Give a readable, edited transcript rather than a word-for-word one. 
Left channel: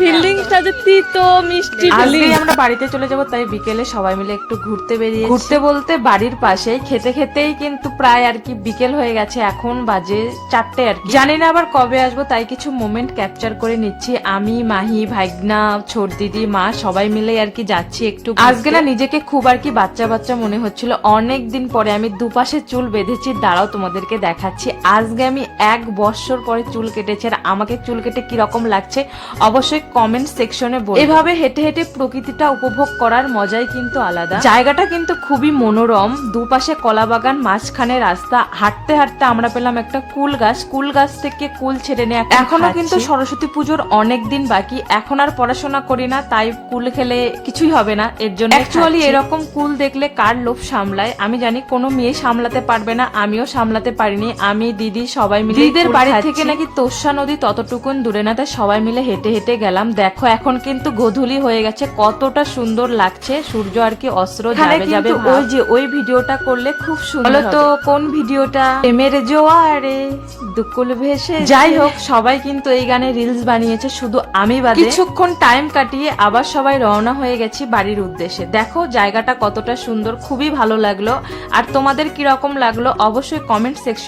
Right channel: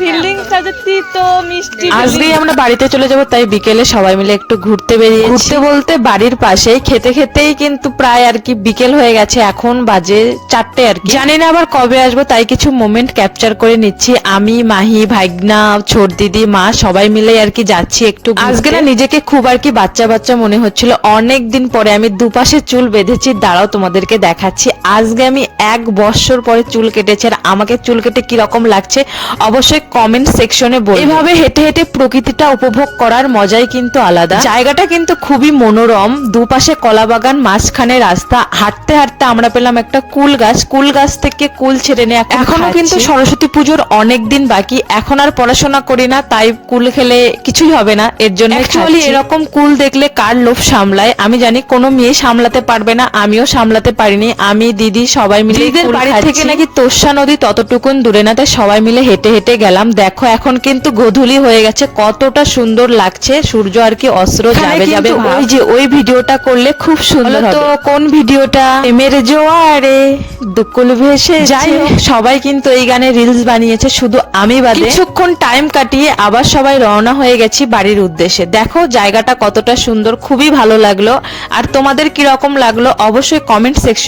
ফিল্ডিংসটা যে তিতো মিষ্টি আজকে আমরা বাড়িতে চলে যাব, তাই বিকেলে সবাই মিলে একটু ঘুরতে বেরিয়েছি। ঘুরতে বলতে বাড়ির পাশে খেতে খেতেই কিন্তু প্রায় আর কি বিকেল হয়ে গেছে, এখন বাজে 4টে আর কি। জানি না আবার কবে আসবো, তাই কিছু মোমেন্ট ক্যাপচার করে নিচ্ছি। আমি, মাহি, ভাইগনা, ছোট দিদি, মা সবাই মিলে আর কি যাচ্ছি একটু। আজকে না নিজেকে খুব আর কি বাচ্চা বাচ্চা মনে হচ্ছিল। অনেক দিন পরে আমি দুপাশে চুল বেঁধেছি, দাঁড়াও তোমাদেরকে দেখাচ্ছি। আজকে আমি 1 বছর পরে চুল কেটেছি, আর আমাকে চুল কেটে কিরকম লাগছে অবশ্যই কমেন্ট সেকশনে বলবে। এভাবে হেঁটে হেঁটে প্রকৃতিটা উপভোগ করার মজাই কিন্তু আলাদা। জায়গাটা কিন্তু খুবই মনোরম, দুপাশে কলা বাগান, মাঝখানে রাস্তা। হাঁটতে হাঁটতে আমরা পেলাম একটা কুল গাছ, কুল গাছ থেকে কুল ছেড়ে নিয়ে এখনো কিন্তু সরস্বতী পুজোর অনেক দিন বাকি। এখন আর পড়াশোনা করি না, তাই কুল খেলে কিছুই হবে না, এর জন্য অ্যাকচুয়ালি এরকম কুল দেখলে কার লোভ সামলায় আমি জানি, কোনো মেয়ে সামলাতে পারবে না, আমিও সামলাতে পারিনি। আমি, দিদি সবাই মিলে, দিদিদের বাড়ি থেকে নাকি তোষা নদী ততটুকুন দূরে না, তাই সবাই মিলে হেঁটে হেঁটে গেলাম। দেখো এখন কিন্তু গোধূলি হয়ে গেছে, কতটা সুন্দর লাগছে, সূর্য আর কি অস্ত্র যাবে যাবে। ওই যে ওই ভিডিওটা করলে খুব সুন্দর হবে। তো কোন ভিডিওটা? প্রেমের জোয়ারে দুকুল ভেসে। যাই হোক, সবাই কিন্তু এই গানে রিলস বানিয়েছে, শুধু আমি বাদে। কিছুক্ষণ টাইম কাটিয়ে আবার সবাই রওনা হয়ে গেছি বাড়ির উদ্দেশ্যে। দেখো জায়গাটা কতটা সুন্দর, খুবই ভালো লাগলো। আর তোমাদের কিরকম লাগলো অবশ্যই কমেন্ট সেকশন